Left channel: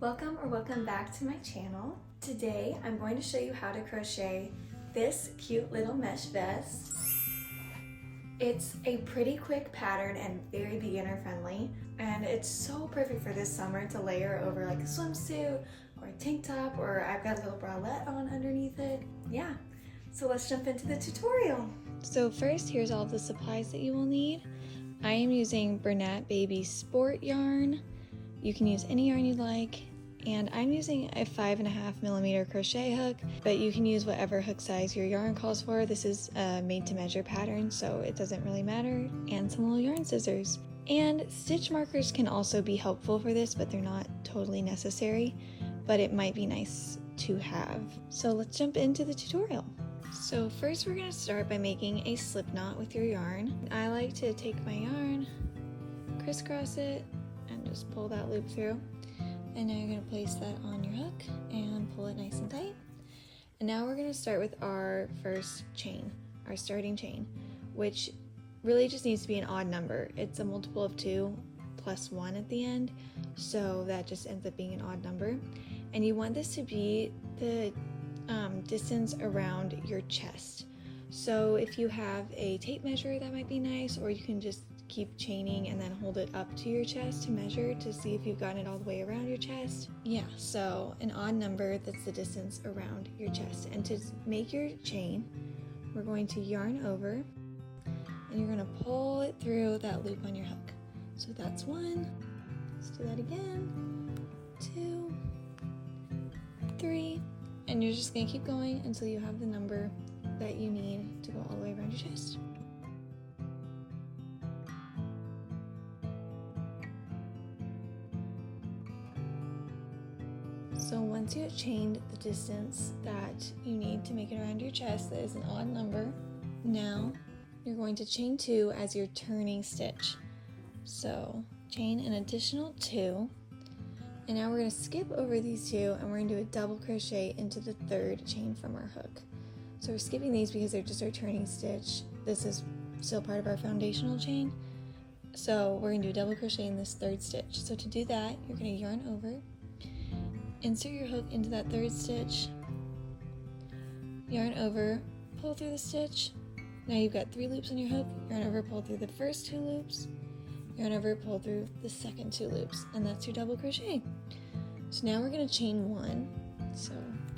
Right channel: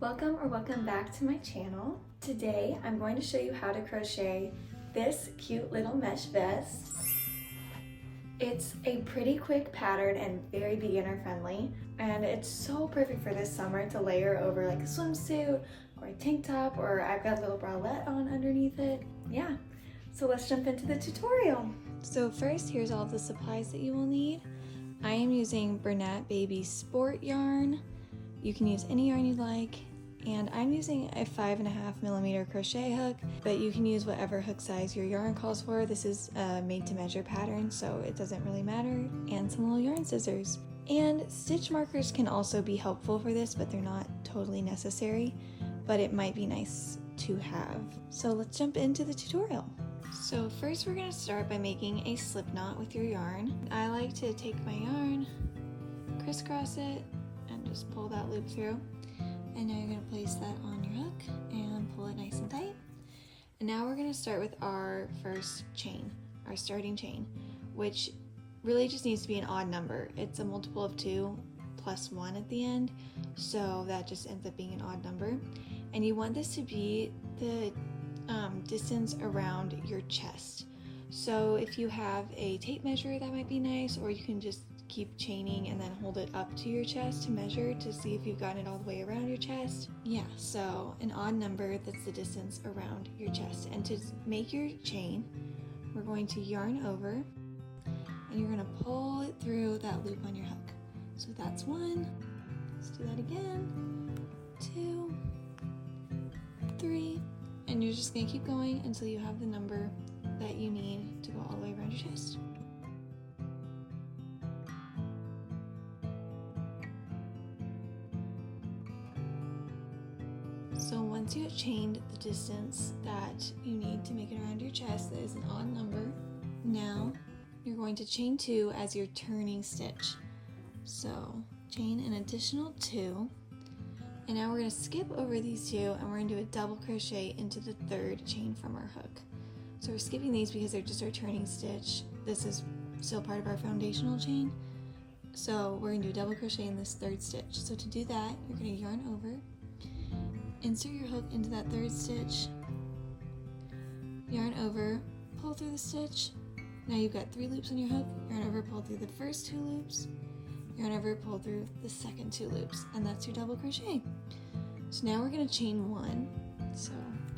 Welcome back to my channel. Today I'm going to show you how to crochet this cute little mesh vest. It's a pretty quick pattern and very beginner friendly, and it's so perfect for this summer to layer over like a swimsuit or a tank top, or I've got a little bralette on underneath it. Yeah, so let's jump into the tutorial. So first, here's all the supplies that you will need. I am using Bernat Baby Sport yarn. You can use any yarn you'd like, and I'm using a 5.5mm crochet hook, but you can use whatever hook size your yarn calls for. This is a made to measure pattern, so it doesn't really matter, and some little yarn scissors. And stitch markers can also be helpful for this, but they're not totally necessary, but it might be nice to have. So let's jump into the tutorial. So first we're going to start by making a slip knot with your yarn. I like to take my yarn, crisscross it, and just pull that loop through. And now you're going to place that on your hook and pull it nice and tight. And now we're going to start with our first chain, our starting chain, which really just needs to be an odd number. It's a multiple of 2 plus 1 at the end, so that just ends up being an odd number. And you want this to be the distance around your chest. So if you have a tape measure, that might be nice, or you can just keep chaining and then hold it up to your chest to measure to see if you've gotten it all the way around your chest. Yeah, so an odd number that's the distance around your chest. And to make your chain, we're going to yarn over, and you're going to pull it through that loop on your hook. So that's 1. Let's do that again. 2, 3, and you're just going to keep going until you have the number that you need to go all the way around your chest. So once you have chained the distance that you need to make it around your chest, that is an odd number, now you're going to chain 2 as your turning stitch. So chain an additional 2, and now we're going to skip over these 2 and we're going to do a double crochet into the 3rd chain from our hook. So we're skipping these because they're just our turning stitch. This is still part of our foundational chain. So we're going to do a double crochet in this 3rd stitch. So to do that, you're going to yarn over, insert your hook into that 3rd stitch, yarn over, pull through the stitch. Now you've got 3 loops on your hook, yarn over, pull through the first 2 loops, yarn over, pull through the second 2 loops, and that's your double crochet. So now we're going to chain 1. So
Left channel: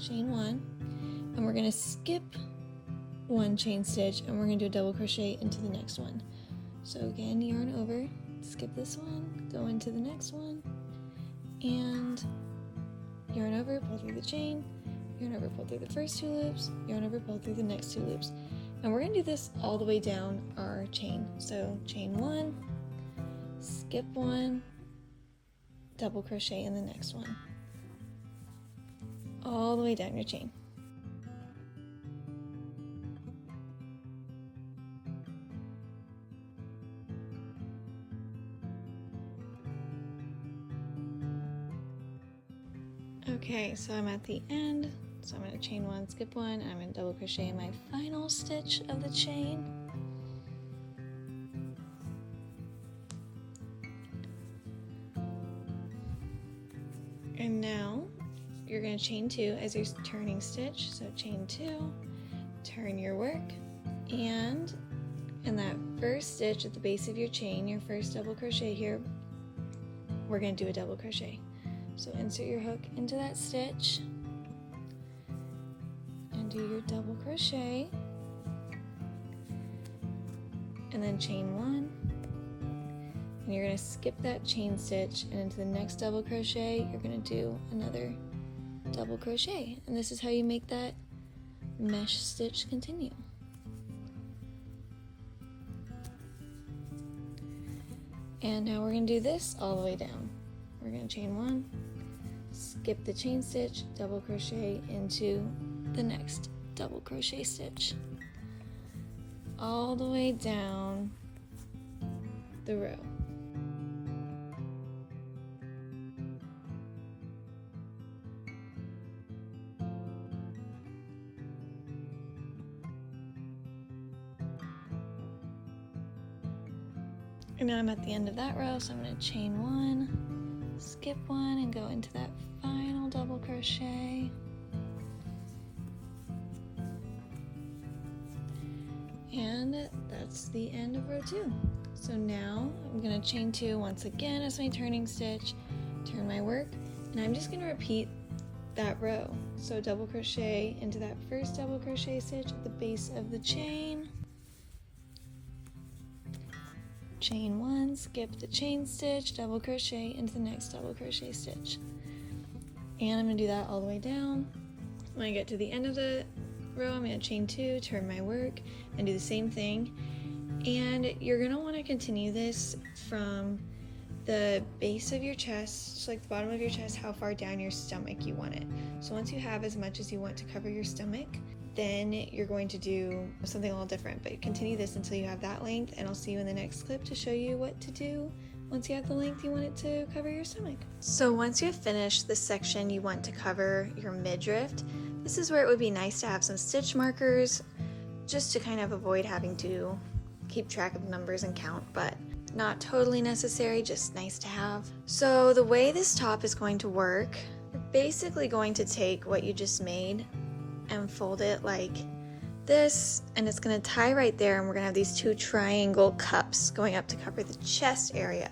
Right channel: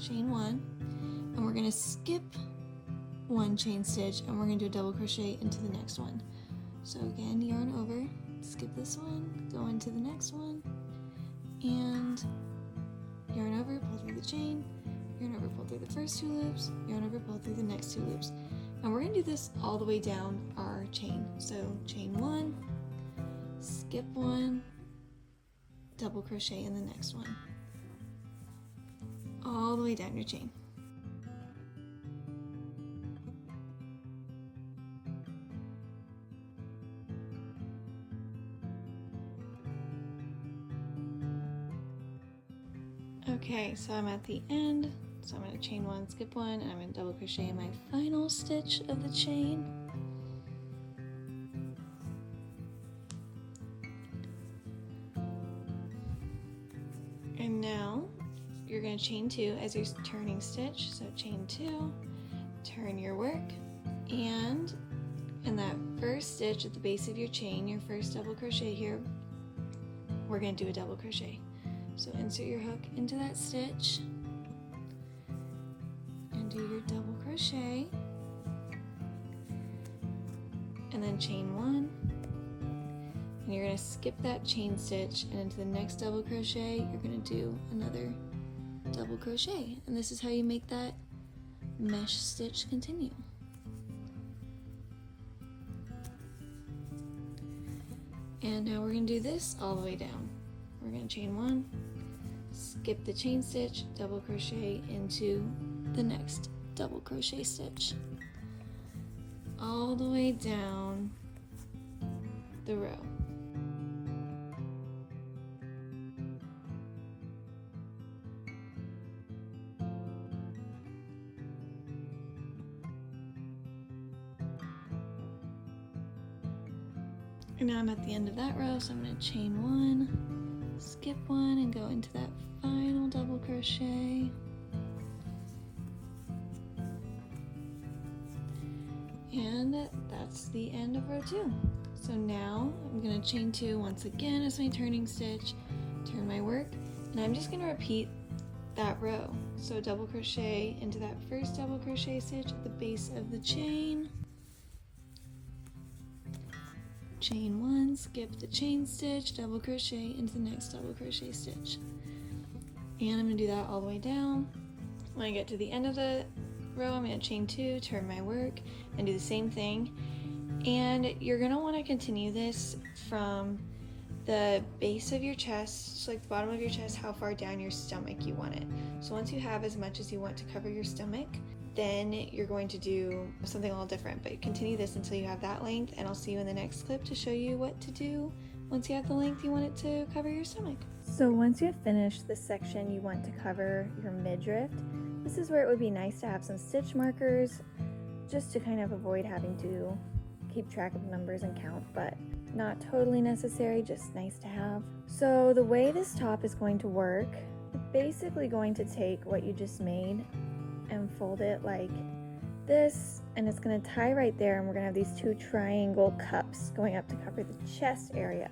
chain 1, and we're going to skip 1 chain stitch, and we're going to do a double crochet into the next one. So again, yarn over, skip this one, go into the next one, and yarn over, pull through the chain, yarn over, pull through the first 2 loops, yarn over, pull through the next 2 loops. And we're going to do this all the way down our chain. So chain 1, skip 1, double crochet in the next one, all the way down your chain. Okay, so I'm at the end, so I'm going to chain 1, skip 1, and I'm going to double crochet in my final stitch of the chain. And now you're going to chain 2 as your turning stitch, so chain 2, turn your work, and in that first stitch at the base of your chain, your first double crochet here, we're going to do a double crochet. So insert your hook into that stitch and do your double crochet, and then chain 1, and you're going to skip that chain stitch, and into the next double crochet you're going to do another double crochet, and this is how you make that mesh stitch continue. And now we're going to do this all the way down. We're going to chain 1, skip the chain stitch, double crochet into the next double crochet stitch, all the way down the row. And now I'm at the end of that row, so I'm going to chain 1, skip 1, and go into that final double crochet. And that's the end of row 2. So now I'm going to chain 2 once again as my turning stitch, turn my work, and I'm just going to repeat that row. So double crochet into that first double crochet stitch at the base of the chain, chain 1, skip the chain stitch, double crochet into the next double crochet stitch. And I'm going to do that all the way down. When I get to the end of the row, I'm going to chain 2, turn my work, and do the same thing. And you're going to want to continue this from the base of your chest, so like the bottom of your chest, how far down your stomach you want it. So once you have as much as you want to cover your stomach, then you're going to do something a little different, but continue this until you have that length, and I'll see you in the next clip to show you what to do once you have the length you want it to cover your stomach. So once you have finished the section you want to cover your midriff, this is where it would be nice to have some stitch markers, just to kind of avoid having to keep track of numbers and count, but not totally necessary, just nice to have. So the way this top is going to work, basically going to take what you just made and fold it like this, and it's going to tie right there, and we're going to have these 2 triangle cups going up to cover the chest area.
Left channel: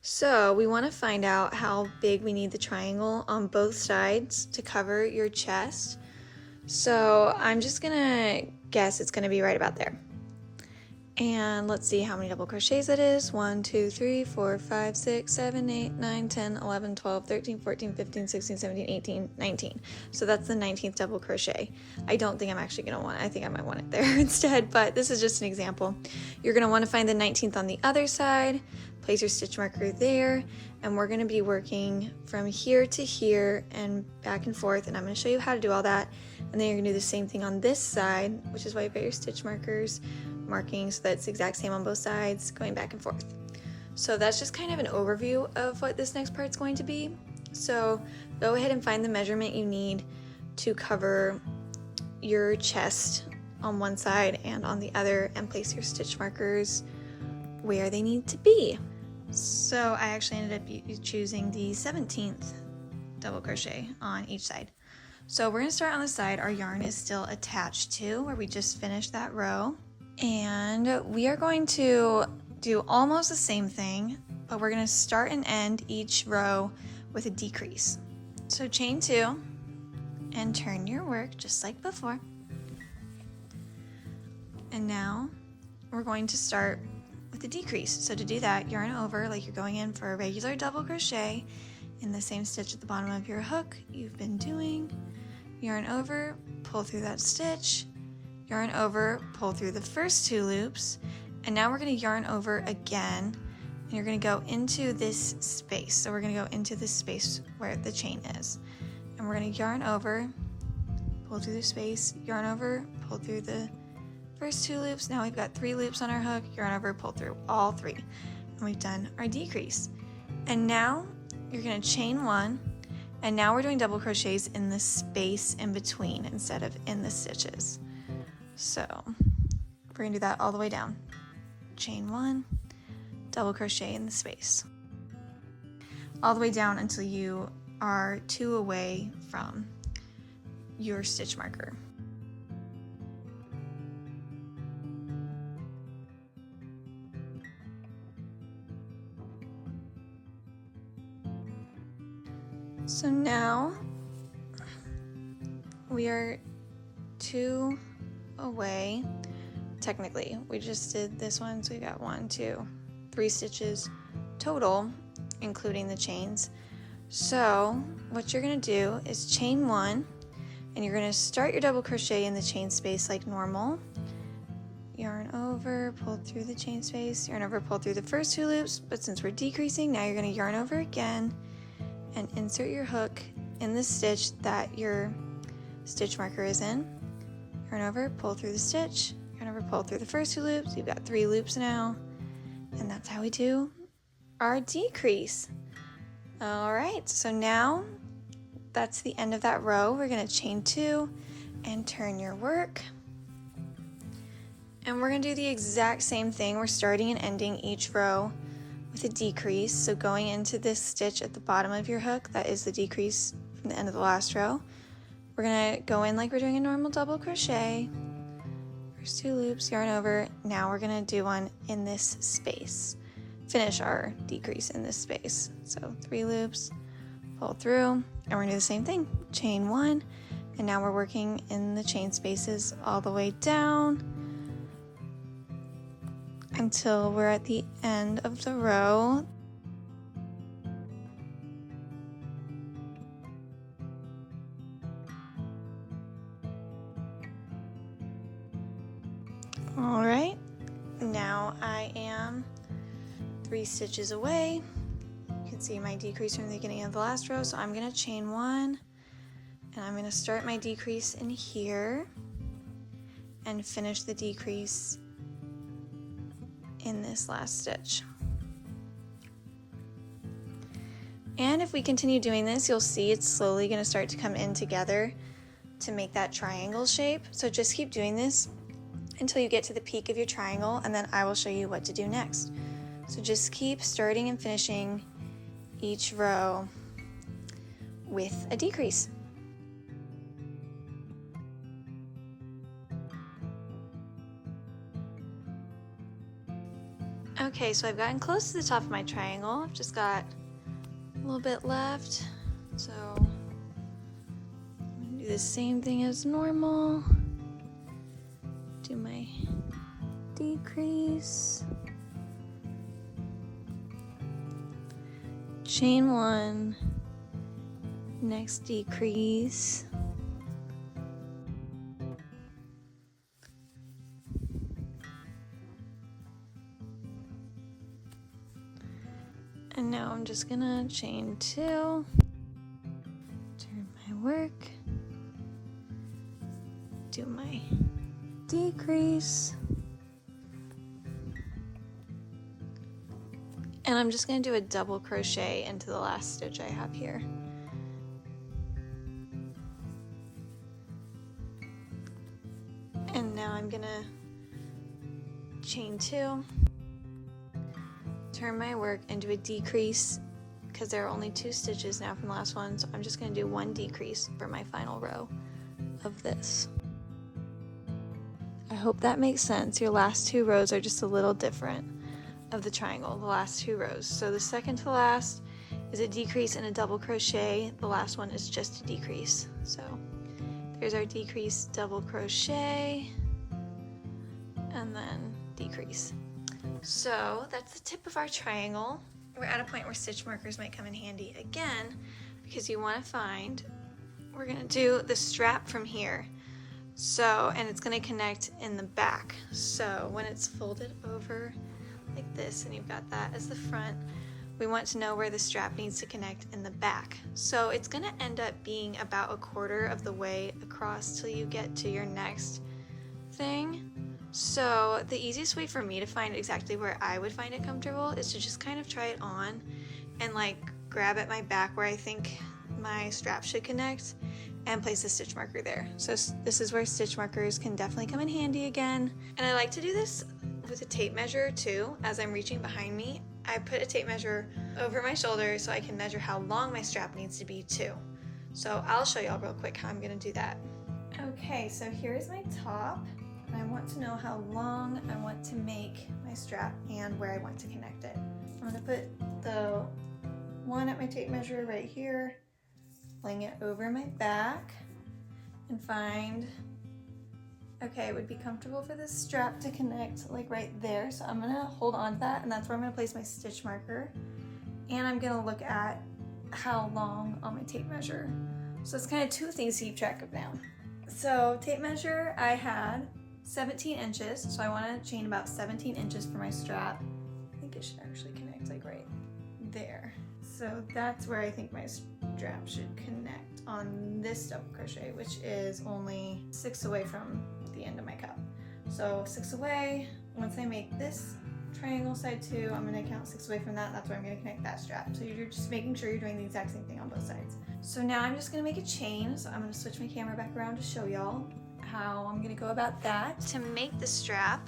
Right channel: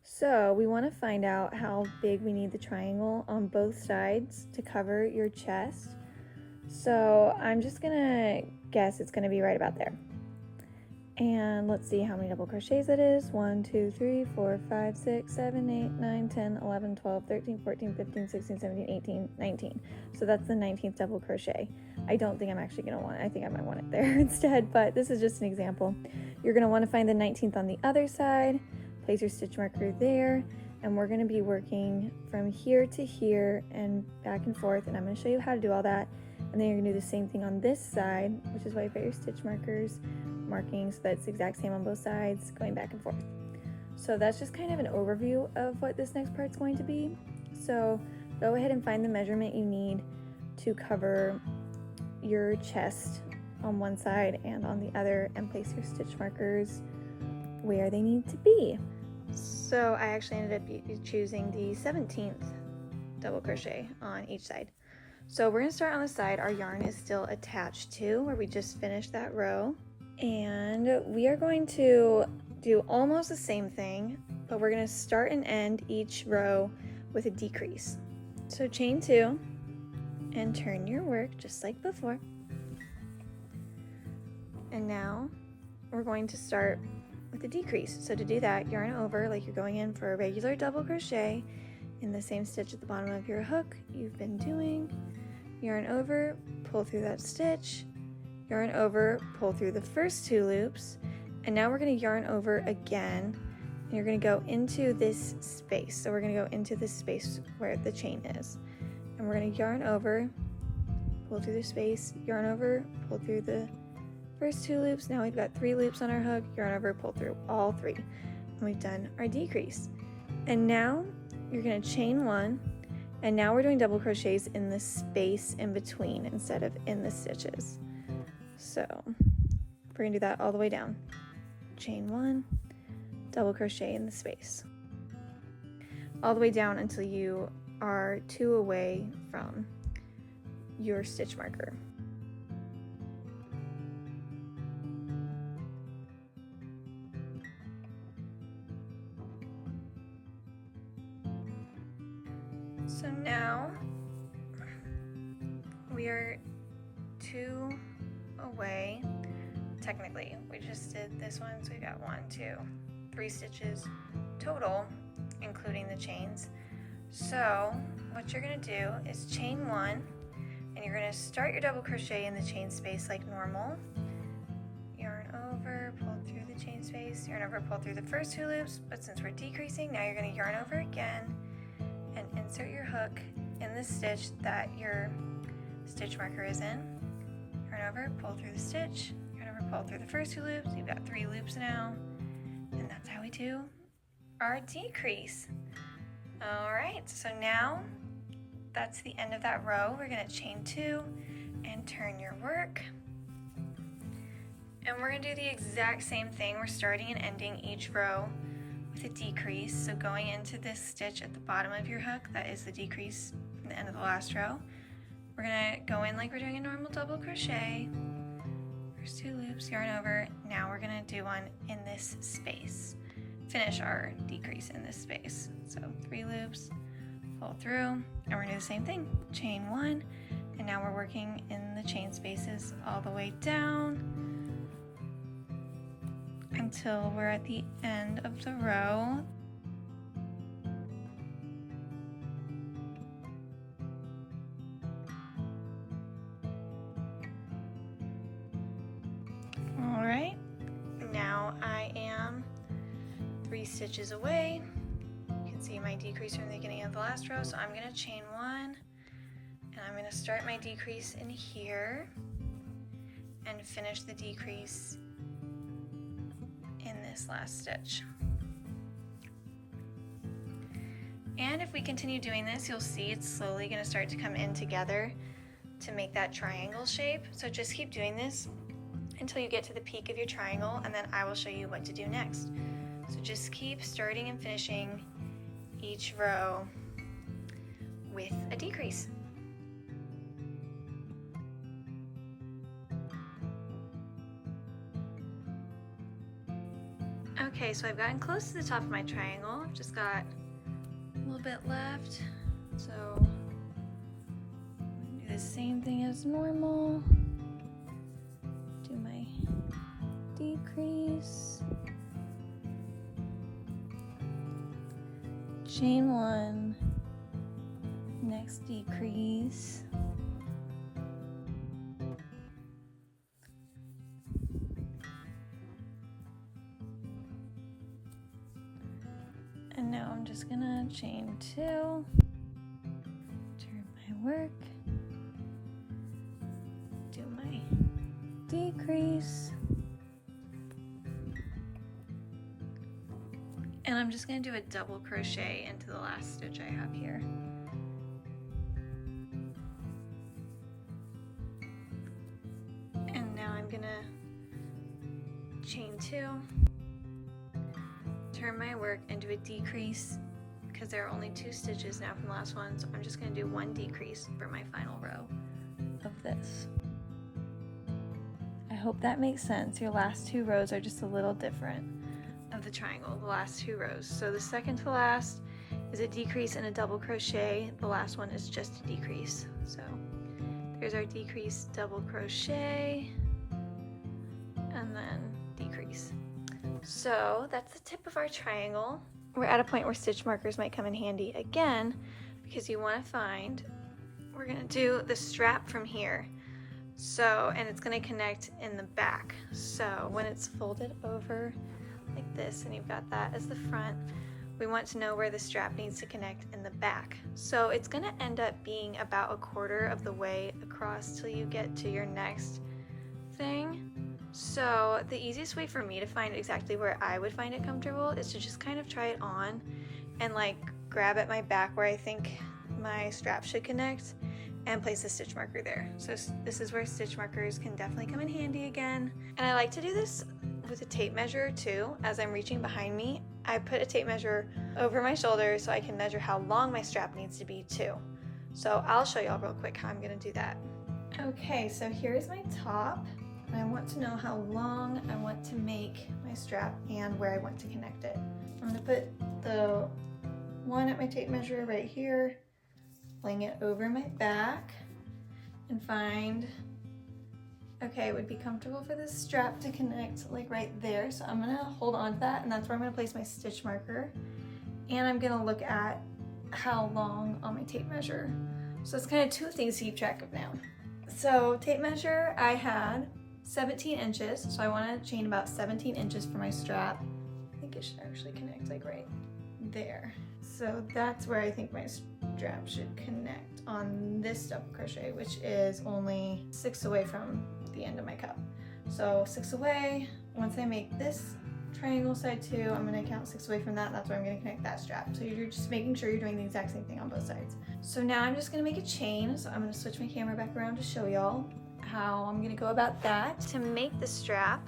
So we want to find out how big we need the triangle on both sides to cover your chest. So I'm just going to guess it's going to be right about there. And let's see how many double crochets it is. 1, 2, 3, 4, 5, 6, 7, 8, 9, 10, 11, 12, 13, 14, 15, 16, 17, 18, 19. So that's the 19th double crochet. I don't think I'm actually going to want it. I think I might want it there instead, but this is just an example. You're going to want to find the 19th on the other side, place your stitch marker there, and we're going to be working from here to here and back and forth, and I'm going to show you how to do all that. And then you're going to do the same thing on this side, which is why you've got your stitch markers marking so that it's the exact same on both sides, going back and forth. So that's just kind of an overview of what this next part's going to be. So go ahead and find the measurement you need to cover your chest on one side and on the other, and place your stitch markers where they need to be. So I actually ended up choosing the 17th double crochet on each side. So we're going to start on the side our yarn is still attached to, where we just finished that row. And we are going to do almost the same thing, but we're going to start and end each row with a decrease. So chain 2 and turn your work just like before. And now we're going to start with a decrease. So to do that, yarn over like you're going in for a regular double crochet in the same stitch at the bottom of your hook you've been doing. Yarn over, pull through that stitch, yarn over, pull through the first 2 loops, and now we're going to yarn over again, and you're going to go into this space. So we're going to go into this space where the chain is, and we're going to yarn over, pull through the space, yarn over, pull through the first 2 loops. Now we've got 3 loops on our hook, yarn over, pull through all 3, and we've done our decrease. And now you're going to chain 1, and now we're doing double crochets in the space in between instead of in the stitches. So we're going to do that all the way down. Chain 1, double crochet in the space, all the way down until you are 2 away from your stitch marker. So now we are 2 away. Technically, we just did this one, so we got 1, 2, 3 stitches total, including the chains. So what you're going to do is chain 1, and you're going to start your double crochet in the chain space like normal. Yarn over, pull through the chain space, yarn over, pull through the first 2 loops, but since we're decreasing, now you're going to yarn over again and insert your hook in the stitch that your stitch marker is in. Yarn over, pull through the stitch, yarn over, pull through the first 2 loops. You've got 3 loops now, and that's how we do our decrease. Alright, so now that's the end of that row. We're going to chain 2 and turn your work. And we're going to do the exact same thing. We're starting and ending each row with a decrease. So going into this stitch at the bottom of your hook, that is the decrease from the end of the last row. We're gonna go in like we're doing a normal double crochet. First 2 loops, yarn over. Now we're gonna do one in this space. Finish our decrease in this space. So 3 loops, pull through, and we're gonna do the same thing. Chain 1, and now we're working in the chain spaces all the way down until we're at the end of the row. All right, now I am 3 stitches away. You can see my decrease from the beginning of the last row, so I'm gonna chain 1, and I'm gonna start my decrease in here and finish the decrease in this last stitch. And if we continue doing this, you'll see it's slowly gonna start to come in together to make that triangle shape. So just keep doing this until you get to the peak of your triangle, and then I will show you what to do next. So just keep starting and finishing each row with a decrease. Okay, so I've gotten close to the top of my triangle. I've just got a little bit left. So do the same thing as normal. Do my decrease. Chain 1, next decrease. And now I'm just gonna chain 2, turn my work, do my decrease, and I'm just going to do a double crochet into the last stitch I have here. And now I'm going to chain 2, turn my work into a decrease because there are only 2 stitches now from the last one, so I'm just going to do 1 decrease for my final row of this. I hope that makes sense. Your last 2 rows are just a little different of the triangle, the last 2 rows. So the second to last is a decrease and a double crochet. The last one is just a decrease. So there's our decrease, double crochet, and then decrease. So that's the tip of our triangle. We're at a point where stitch markers might come in handy again because you want to find, we're going to do the strap from here. So, and it's going to connect in the back. So when it's folded over like this and you've got that as the front, we want to know where the strap needs to connect in the back. So it's going to end up being about 1/4 of the way across till you get to your next thing. So the easiest way for me to find exactly where I would find it comfortable is to just kind of try it on and like grab at my back where I think my strap should connect and place a stitch marker there. So this is where stitch markers can definitely come in handy again. And I like to do this with a tape measure too. As I'm reaching behind me, I put a tape measure over my shoulder so I can measure how long my strap needs to be too. So I'll show y'all real quick how I'm gonna do that. Okay, so here's my top. I want to know how long I want to make my strap and where I want to connect it. I'm gonna put the one at my tape measure right here, laying it over my back, and find, okay, it would be comfortable for this strap to connect like right there. So I'm gonna hold on to that, and that's where I'm gonna place my stitch marker. And I'm gonna look at how long on my tape measure. So it's kind of 2 things to keep track of now. So tape measure, I had 17 inches. So I wanna chain about 17 inches for my strap. I think it should actually connect like right there. So that's where I think my strap should connect on this double crochet, which is only 6 away from the end of my cup. So 6 away. Once I make this triangle side 2, I'm going to count 6 away from that, and that's where I'm going to connect that strap. So you're just making sure you're doing the exact same thing on both sides. So now I'm just going to make a chain. So I'm going to switch my camera back around to show y'all how I'm going to go about that. To make the strap,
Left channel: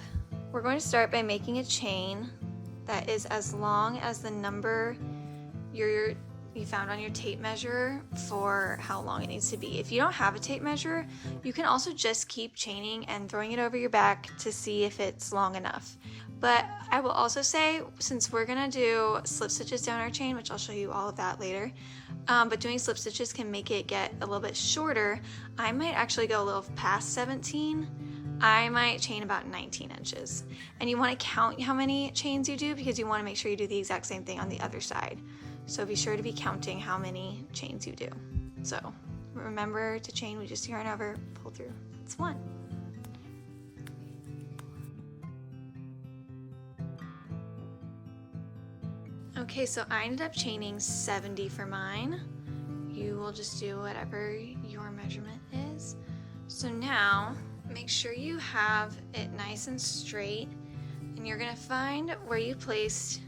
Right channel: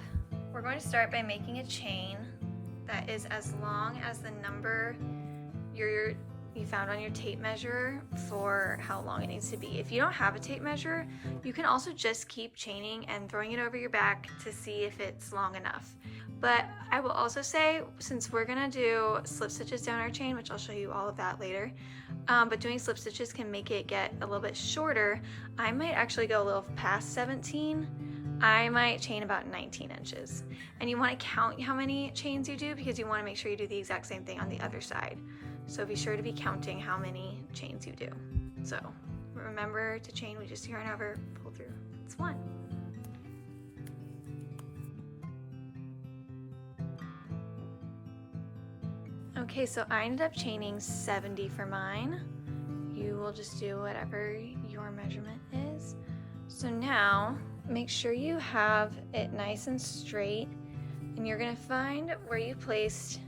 we're going to start by making a chain that is as long as the number you found on your tape measure for how long it needs to be. If you don't have a tape measure, you can also just keep chaining and throwing it over your back to see if it's long enough. But I will also say, since we're gonna do slip stitches down our chain, which I'll show you all of that later, but doing slip stitches can make it get a little bit shorter. I might actually go a little past 17. I might chain about 19 inches. And you want to count how many chains you do because you want to make sure you do the exact same thing on the other side. So be sure to be counting how many chains you do. So remember to chain, we just yarn over, pull through. It's 1. Okay, so I ended up chaining 70 for mine. You will just do whatever your measurement is. So now make sure you have it nice and straight, and you're gonna find where you placed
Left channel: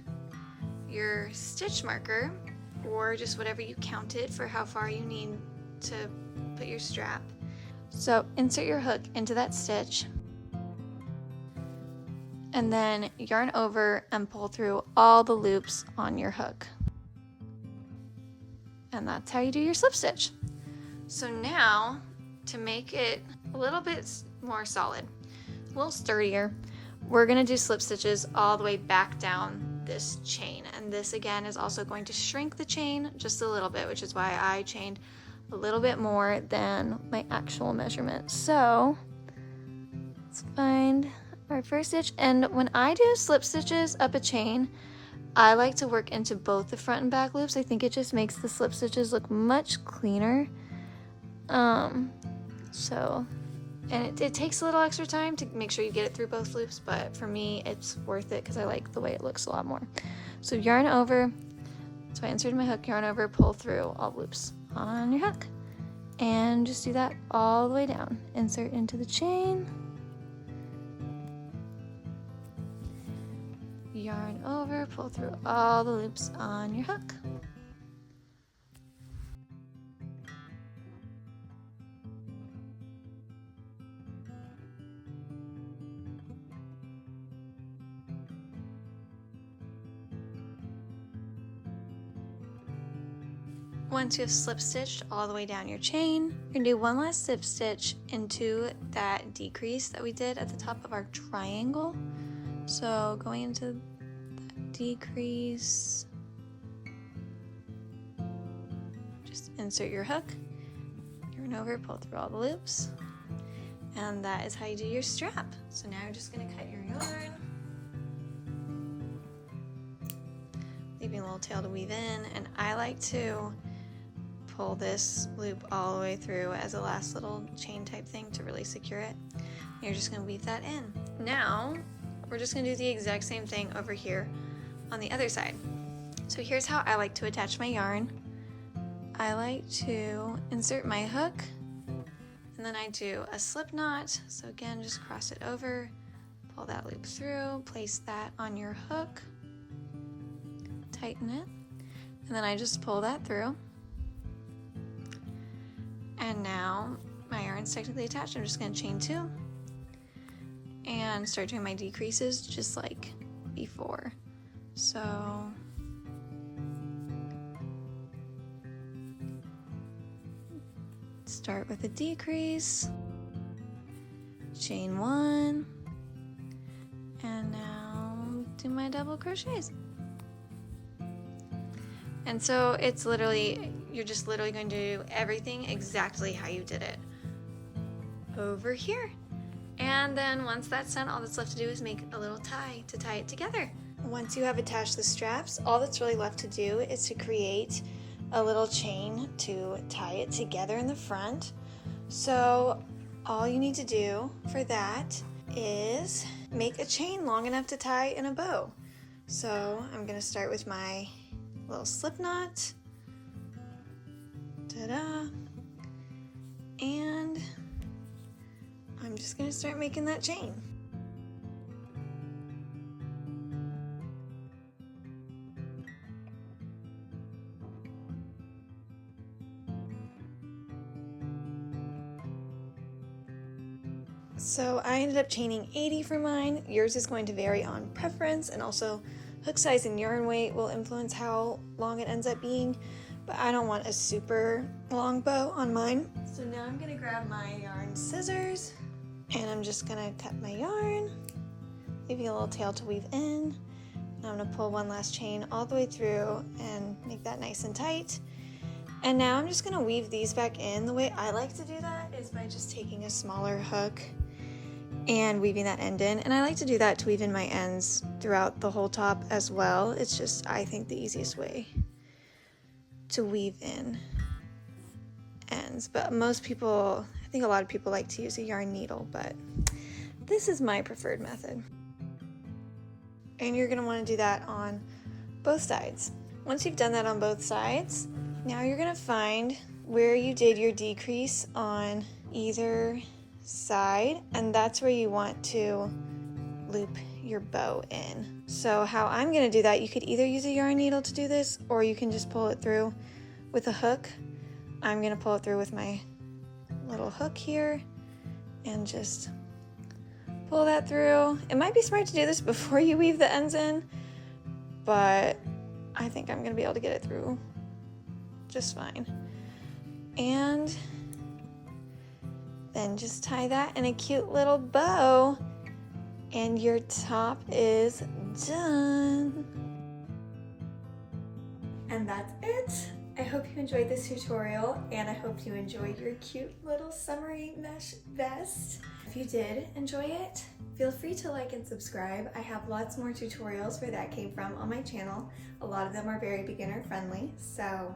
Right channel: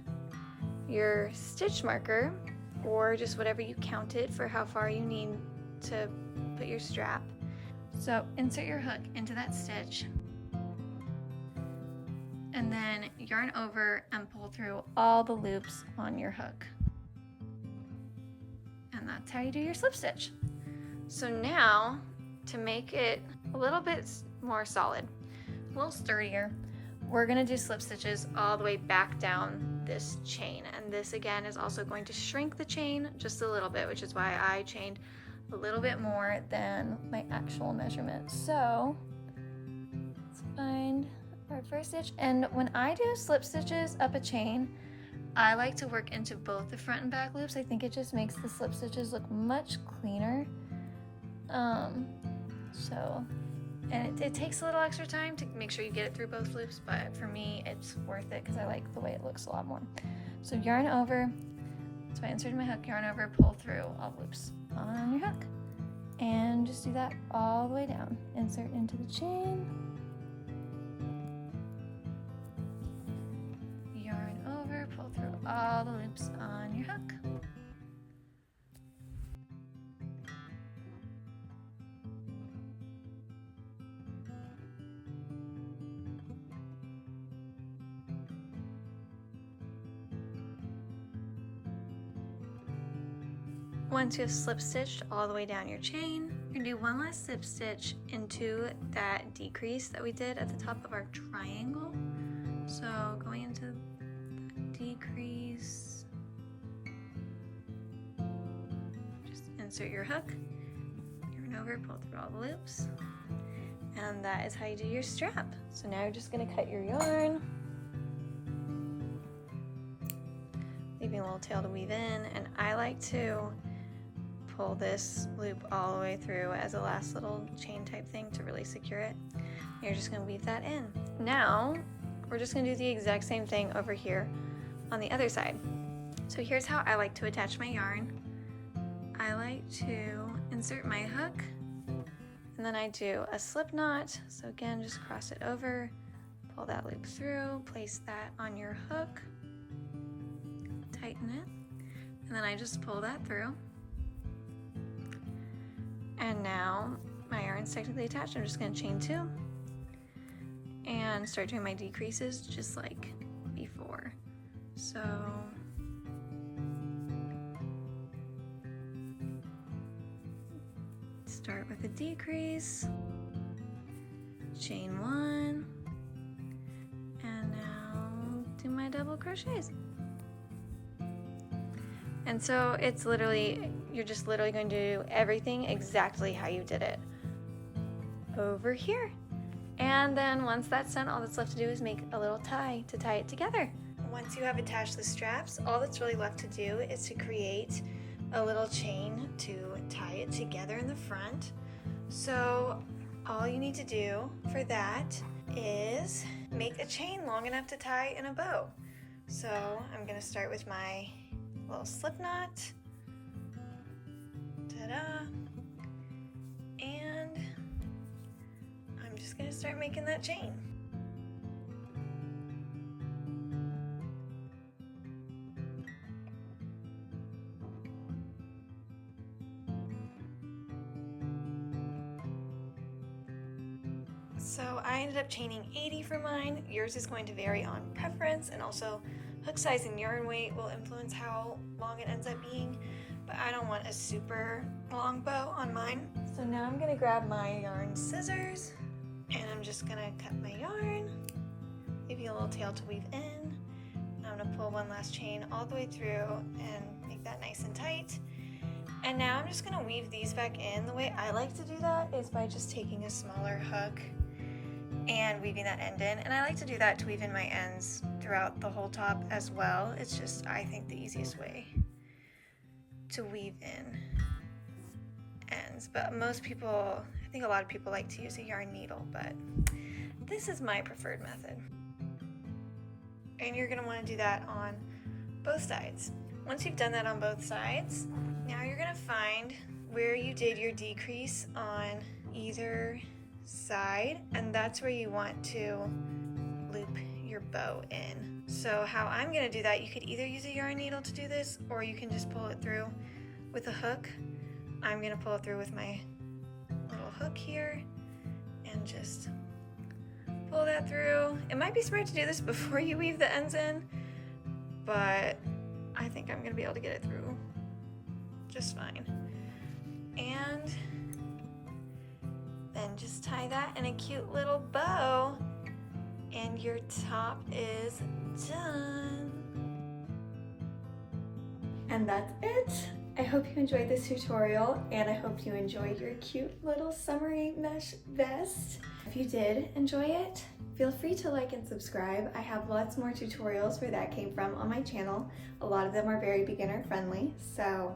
your stitch marker, or just whatever you counted for how far you need to put your strap. So insert your hook into that stitch, and then yarn over and pull through all the loops on your hook. And that's how you do your slip stitch. So now, to make it a little bit more solid, a little sturdier, we're gonna do slip stitches all the way back down this chain. And this again is also going to shrink the chain just a little bit, which is why I chained a little bit more than my actual measurement. So let's find our first stitch. And when I do slip stitches up a chain, I like to work into both the front and back loops. I think it just makes the slip stitches look much cleaner. And it takes a little extra time to make sure you get it through both loops, but for me it's worth it because I like the way it looks a lot more. So yarn over, so I inserted my hook, yarn over, pull through all loops on your hook, and just do that all the way down. Insert into the chain, yarn over, pull through all the loops on your hook. Once you have slip stitched all the way down your chain, you're gonna do one last slip stitch into that decrease that we did at the top of our triangle. So going into that decrease, just insert your hook, yarn over, pull through all the loops, and that is how you do your strap. So now you're just gonna cut your yarn, leaving a little tail to weave in, and I like to pull this loop all the way through as a last little chain type thing to really secure it. You're just going to weave that in. Now we're just going to do the exact same thing over here on the other side. So here's how I like to attach my yarn. I like to insert my hook, and then I do a slip knot. So again, just cross it over, pull that loop through, place that on your hook, tighten it, and then I just pull that through. And now my yarn's technically attached. I'm just going to chain 2 and start doing my decreases just like before. So start with a decrease, chain 1, and now do my double crochets. And so it's literally, you're just literally going to do everything exactly how you did it over here. And then once that's done, all that's left to do is make a little tie to tie it together. Once you have attached the straps, all that's really left to do is to create a little chain to tie it together in the front. So all you need to do for that is make a chain long enough to tie in a bow. So I'm going to start with my little slip knot, ta-da, and I'm just going to start making that chain. So I ended up chaining 80 for mine. Yours is going to vary on preference and also Hook size and yarn weight will influence how long it ends up being, but I don't want a super long bow on mine. So now I'm gonna grab my yarn scissors and I'm just gonna cut my yarn, leaving a little tail to weave in. I'm gonna pull one last chain all the way through and make that nice and tight. And now I'm just gonna weave these back in. The way I like to do that is by just taking a smaller hook and weaving that end in. And I like to do that to weave in my ends throughout the whole top as well. It's just, I think, the easiest way to weave in ends. But most people, I think a lot of people like to use a yarn needle, but this is my preferred method. And you're gonna wanna do that on both sides. Once you've done that on both sides, now you're gonna find where you did your decrease on either side, and that's where you want to loop your bow in. So how I'm gonna do that, you could either use a yarn needle to do this, or you can just pull it through with a hook. I'm gonna pull it through with my little hook here and just pull that through. It might be smart to do this before you weave the ends in, but I think I'm gonna be able to get it through just fine. And then just tie that in a cute little bow and your top is done. And that's it. I hope you enjoyed this tutorial and I hope you enjoyed your cute little summery mesh vest. If you did enjoy it, feel free to like and subscribe. I have lots more tutorials where that came from on my channel. A lot of them are very beginner friendly. So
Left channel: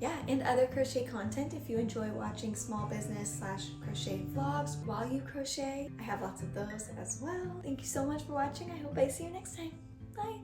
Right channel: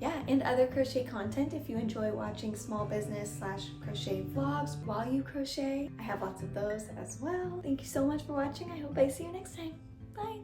yeah, and other crochet content if you enjoy watching small business / crochet vlogs while you crochet. I have lots of those as well. Thank you so much for watching. I hope I see you next time. Bye.